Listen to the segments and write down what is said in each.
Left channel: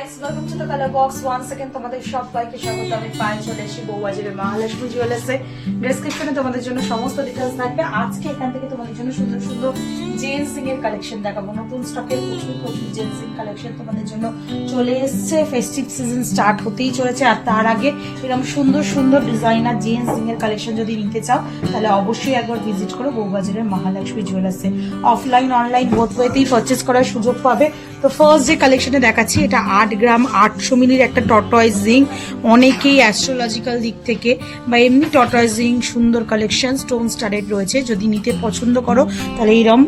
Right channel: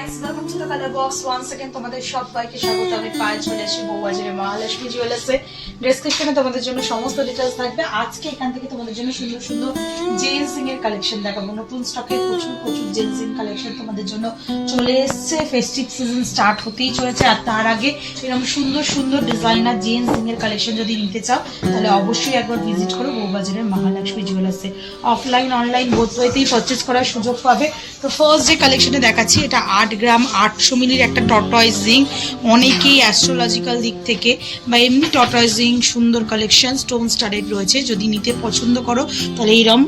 Welcome to the colour box once second তোমাদের সবাইকে স্বাগত। আমি পায়েল চলে এসেছি বউবাজারের মহালক্ষ্মী জুয়েলার্সে। ডেসক্রিপশনে তোমাদের জন্য সমস্ত ডিটেলস থাকবে। আজকে এখান থেকে তোমাদের জন্য সুন্দর সুন্দর জেন্টসিং এর কালেকশন দেখাবো। নতুন স্টকের প্রচুর জেন্টসিং কালেকশন তোমাদের জন্য চলে এসছে। ফেস্টিভ সিজন স্টার্ট হতেই চলেছে, আর তার আগে এরকম সুন্দর সুন্দর ডিজাইনার জেন্টসিং এর কালেকশন যদি নিতে চাও তাহলে অবশ্যই একবার ভিজিট করো বউবাজারের মহালক্ষ্মী জুয়েলার্সে। অফলাইন অনলাইন বোথ ওয়েতেই পারচেজ করার সুযোগ পাবে। তো ফার্স্ট যে কালেকশনে দেখাচ্ছি, এটা 8 গ্রাম 800 মিলির একটা টর্টয়েজ রিং। অনেকেই অ্যাস্ট্রোলজিক্যাল দিক থেকে বা এমনি টর্টয়েজ রিং সুন্দর কালেকশন স্টোন স্টাডেড রয়েছে। যদি নিতে পছন্দ করো তাহলে এইরকম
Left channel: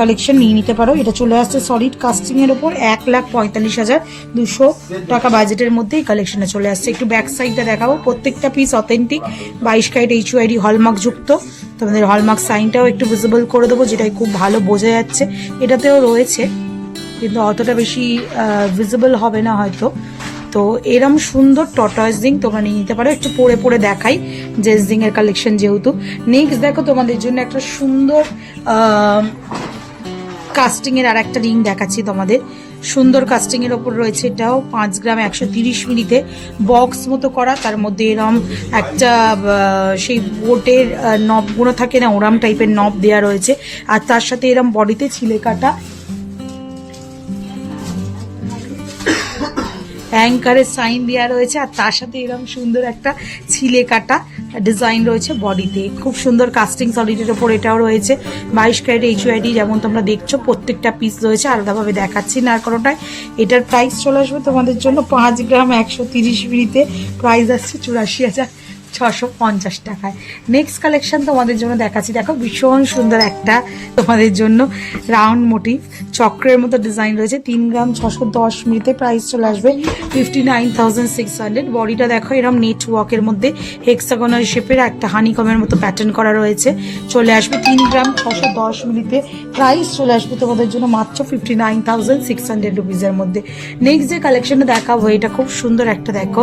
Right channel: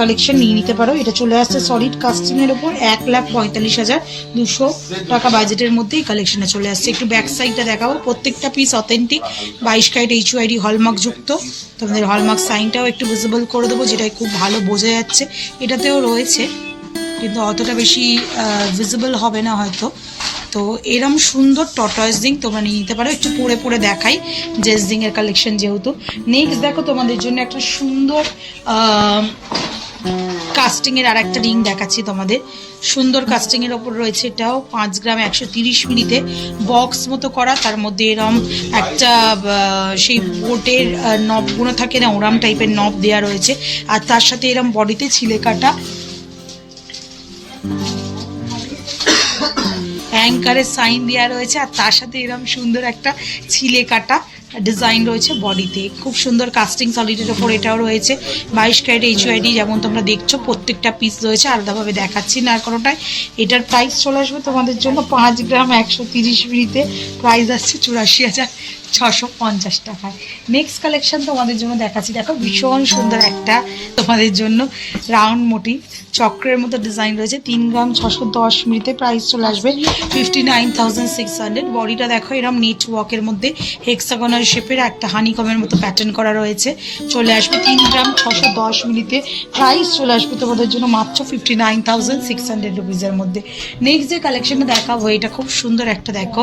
কালেকশন নিয়ে নিতে পারো। এটা চলে আসছে সলিড কাস্টিংয়ের ওপর 1,45,200 টাকা বাজেটের মধ্যে এই কালেকশনে চলে আসছে। একটু ব্যাক সাইডটা দেখাবো। প্রত্যেকটা piece authentic 22 carat HUID hallmark যুক্ত। তোমাদের হলমার্ক সাইনটাও একটু ভিজিবল করে দেবো, যেটাই খুব ভালো বোঝা যাচ্ছে। এটাতেও রয়েছে কিন্তু অতটা বেশি ভিজিবল হবে না হয়তো। তো এরম সুন্দর টর্টয়েজ রিং তোমরা নিয়ে নিতে পারো। একটু পরে পরে দেখাই জেন্টস রিং এর কালেকশন যেহেতু। নেক্সট দেখো তোমাদের জন্য একটা সুন্দর কাস্টিংয়ের আর একটা রিং দেখাচ্ছি তোমাদের। সুন্দর কাস্টিংয়ের ওপর রয়েছে। এটাও 5 গ্রাম 130 মিলিতে বক্স মতো করা। তার মধ্যে এরম একটা সেই বোটের নবগুলো থাকে না, ওরাম টাইপের নব দেওয়া রয়েছে। আর তার সাথে এরম বডিতে ছিলে কাটা অ্যাঙ্কারের সাইন দেওয়া রয়েছে। আর তার সাথে এরকম সুন্দর একটা ছিলে কাটা ডিজাইন রয়েছে বডিতে। খুব সুন্দর কাস্টিং সলিডের ওপর এটাও রয়েছে। 22 ক্যারেট HUID যেমন তোমরা দেখছো। প্রত্যেকটা পিস রয়েছে, আলাদাভাবে দেখাচ্ছি না কোনোটাই। এটার প্রাইস চলে আসবে তোমাদের জন্য 5 গ্রাম 130 মিলিতে। প্রাইস আসছে 84,650 টাকায়। নেক্সট কালেকশন তোমাদের জন্য দেখাচ্ছি। দেখো ভীষণ সুন্দর একটা তোমাদের জন্য রাউন্ড মোটিভ চক্রের মতো ডিজাইন রয়েছে। 3 গ্রাম 610 মিলিতে। প্রাইস চলে আসবে 59,600। বডিটা দেখো এরকম নেট ওয়ার্কের মধ্যে হেক্সাগোনাল শেপের একটা হানিকমের মতো প্যাটার্ন করা রয়েছে। চলে আসবে 3 গ্রাম 610 মিলিতে। প্রাইস চলে আসবে তোমাদের জন্য মাত্র 59,600 রুপিজের মধ্যে। নেক্সট যে কালেকশনটা দেখাবো, এটা খুব সুন্দর একটা দেখো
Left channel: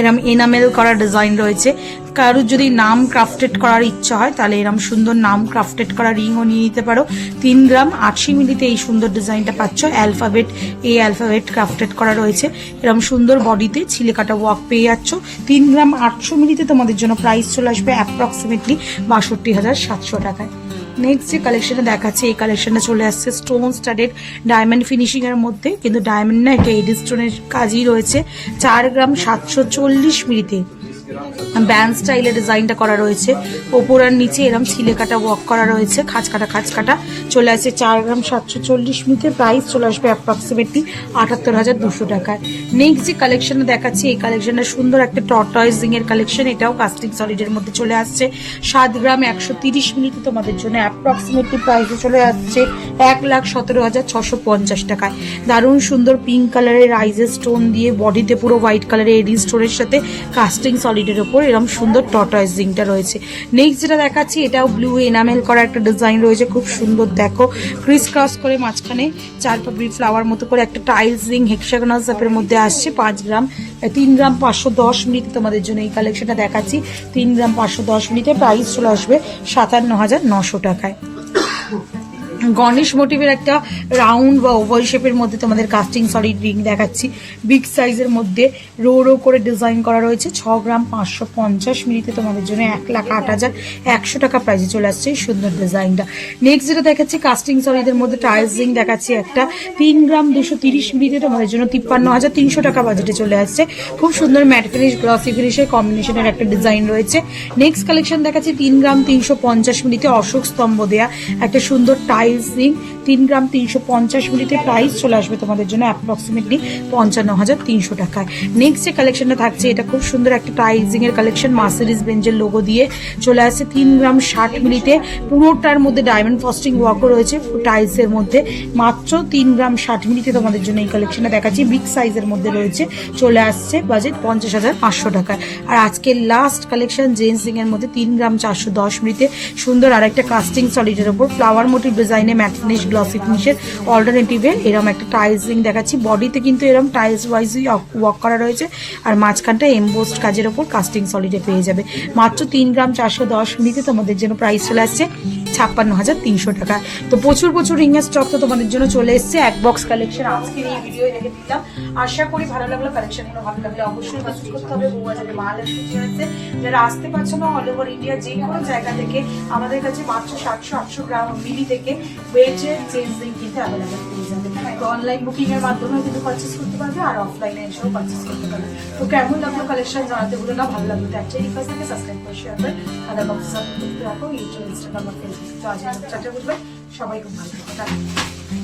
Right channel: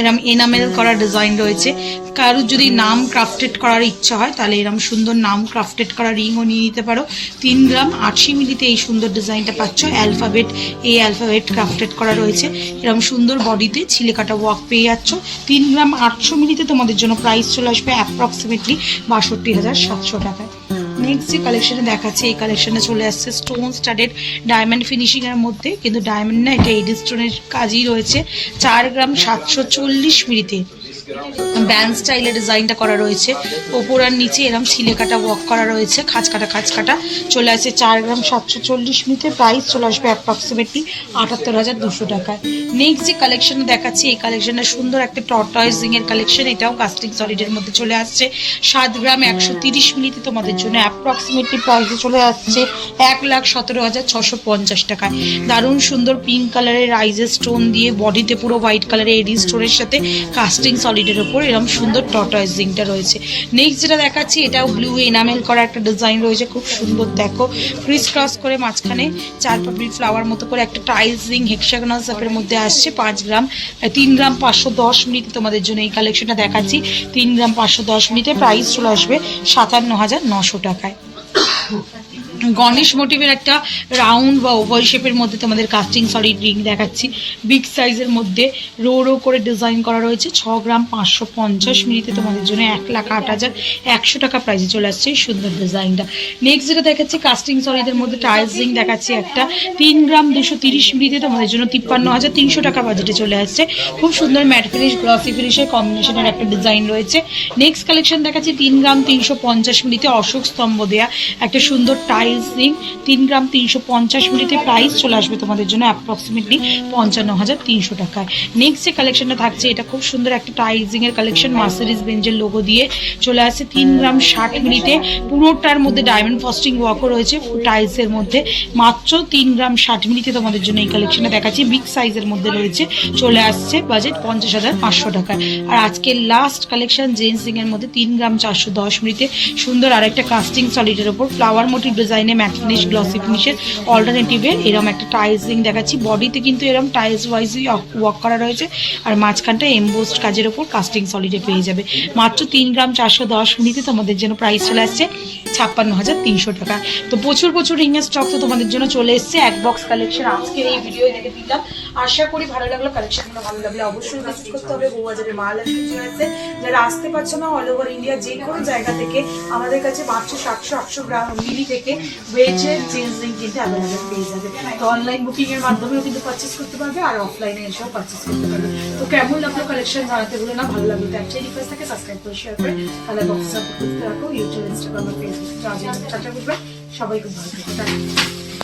এরম এনামেল করা ডিজাইন রয়েছে। কারোর যদি নাম ক্রাফটেড করার ইচ্ছা হয় তাহলে এরম সুন্দর নাম ক্রাফটেড করা রিংও নিয়ে নিতে পারো। 3 গ্রাম 80 মিলিতে এই সুন্দর ডিজাইনটা পাচ্ছ। অ্যালফাবেট ক্রাফটেড করা রয়েছে। এরম সুন্দর বডিতে ছিলে কাটা ওয়ার্ক পেয়ে যাচ্ছ। 3 গ্রাম 800 মিলিতে তোমাদের জন্য প্রাইস চলে আসবে অ্যাপ্রক্সিমেটলি 62,700 টাকায়। নেক্সট যে কালেকশনে দেখাচ্ছে, এই কালেকশনে চলে আসছে স্টোন স্টাডেড ডায়মন্ড ফিনিশিং এর মধ্যে। কিন্তু ডায়মন্ড না, এটা এডি স্টোনের কাজই রয়েছে। 4 গ্রাম 740 মিলিতে ব্যান্ড স্টাইলের ডিজাইনটা করা রয়েছে। ওপর আর নিচে এরকম ছিলে কাটা ওয়ার্ক করা রয়েছে, খাঁচ কাটা চলে আসছে 4 গ্রাম 740 মিলিতে। প্রাইস চলে আসবে অ্যাপ্রক্সিমেটলি 78,200 টাকায়। নেক্সট যে কালেকশনে দেখাচ্ছি, এই কালেকশনে সুন্দর একটা টর্টয়েজ রিং এর কালেকশন। এটাও কাস্টিং সলিডের মধ্যে চলে আসছে। 7 গ্রাম 130 মিলিতে তোমাদের জন্য অ্যাপ্রক্সিমেটলি প্রাইসে চলে আসছে 1,17,650 টাকা। দারুণ সুন্দর পিঙ্ক কালারের রাইজের স্টোন দিয়ে বডিতে পুরো হোয়াইট কালারের এডি স্টোনের সাথে কাস্টিং সলিডের ওপর এরকম সুন্দর টর্টয়েজ রিংটা রয়েছে। নেক্সট যেটা দেখাচ্ছি, এটাও ব্লু এনামেল করা একটা ডিজাইন রয়েছে। খুব সুন্দর দেখো, ক্রিস ক্রস করে মাঝখানে 4 পাপড়ি ফ্লাওয়ার মতো করে একটা টাইলস রিং হেক্সাগোনাল শেপের মধ্যে আসছে। 3 গ্রাম 510 মিলিতে তোমাদের জন্য এই কালেকশনটা দেখাচ্ছি। 3 গ্রাম 510 মিলিতে প্রাইস চলে আসবে 57,900 টাকায়। গণেশ মোটিভের একটা রাউন্ড বা ওভাল শেপের মধ্যে তোমাদের কাস্টিং সলিড রিং দেখাচ্ছি। বিগ সাইজের মধ্যে রো করে ডিজাইন করা রয়েছে। 6 গ্রাম 550 মিলিতে তোমাদের জন্য 1,08,100 টাকা প্রাইসে চলে আসছে এই সুন্দর ডিজাইনটা। নেক্সট যেটা দেখাচ্ছি কাস্টিং সলিডের মধ্যে টাইলস রিং দেখাচ্ছি একটা। 3 গ্রাম 230 মিলিতে তোমাদের জন্য 53,300 টাকা বাজেটে চলে আসছে। খুব সুন্দর ম্যাট ফিনিশ গ্লসি ফিনিশের কম্বিনেশনের একটা ডিজাইন রয়েছে। নেক্সট কালেকশন দেখাচ্ছি 3 গ্রাম 350 মিলিতে অশোক স্তম্ভ দেয়া একটা সুন্দর টাইলস রিং। 3 গ্রাম 350 মিলিতে প্রাইস চলে আসবে তোমাদের জন্য অ্যাপ্রক্সিমেটলি 55,300 টাকায়। নেক্সট যে কালেকশনটা থাকছে, এটা খুব সুন্দর একটা টাইলসিং এর কালেকশন। মার্সিডিজ বেঞ্জের লোগো দিয়ে চলে আসছে। 3 গ্রাম 60 মিলিতে পুরোটার মধ্যে ডায়মন্ড ফস্টিং ওয়ার্কও রয়েছে টাইলসের মধ্যে। মাত্র 3 গ্রাম 60 মিলিতে তোমাদের জন্য এই কালেকশনটা দেখাচ্ছি। বিগ সাইজের মধ্যে রয়েছে। চলে আসছে বাজেট 50,500 টাকায়। আর আজকে লাস্ট কালেকশন জেন্টসিং এর মধ্যে 3 গ্রাম 410 মিলিতে সুন্দর আর একটা কাস্টিং সলিডের ওপর ফ্লাওয়ার মোটিভ ডিজাইনে ম্যাট ফিনিশ গ্লসি ফিনিশের অল্টারনেটিভে এরকম একটা টাইলস রিং দেখাচ্ছি। বডিতে কিন্তু এরকম টাইলস ওয়াইজই ওয়ার্ক করা রয়েছে। আর মাঝখানটা এমবোসড কাজের ওপর কাস্টিং সলিডে পেয়ে যাবে। মাত্র 3 গ্রাম 410 মিলিতে তোমাদের জন্য প্রাইস চলে আসছে 56,300 টাকা। তো প্রচুর প্রচুর রিংয়ের স্টক তো তোমাদের জন্য চলে এসেছে, এক বক্স কালেকশন আজকের এই ভিডিও দেখে দিলাম। আশা করি ভালো লাগলো, কালেকশনগুলো ভালো লাগলে অবশ্যই ভিজিট করতে হবে বউবাজারে মহালক্ষ্মী জুয়েলার্সে। যারা আসতে পারছো না অল ওভার ইন্ডিয়া যে কোনো জায়গা থেকে আমাদের কাছে মাত্র 700-800 গ্রাম মিলি থেকে ওয়েজের চেঞ্জ রিং কিন্তু অ্যাভেলেবেল পেয়ে যাবে। তো অনলাইন বুকিং এর মাধ্যমেও কিন্তু পারচেস করতে পারবে আর অফলাইনে এসেও পারচেস করতে পারবে। তো কেমন লাগলো কালেকশন জানাতে ভুলো না, ভালো লাগলো তো একটাই রিকোয়েস্ট থাকে, সাবস্ক্রাইব করে শেয়ার করে তাহলে বক্স সাপোর্ট করতে রাখো ইউটিউব, ইনস্টাগ্রাম, ফেসবুক। তো আজ টাটা বুঝবে, সবাই খুব ভালো থাকবে।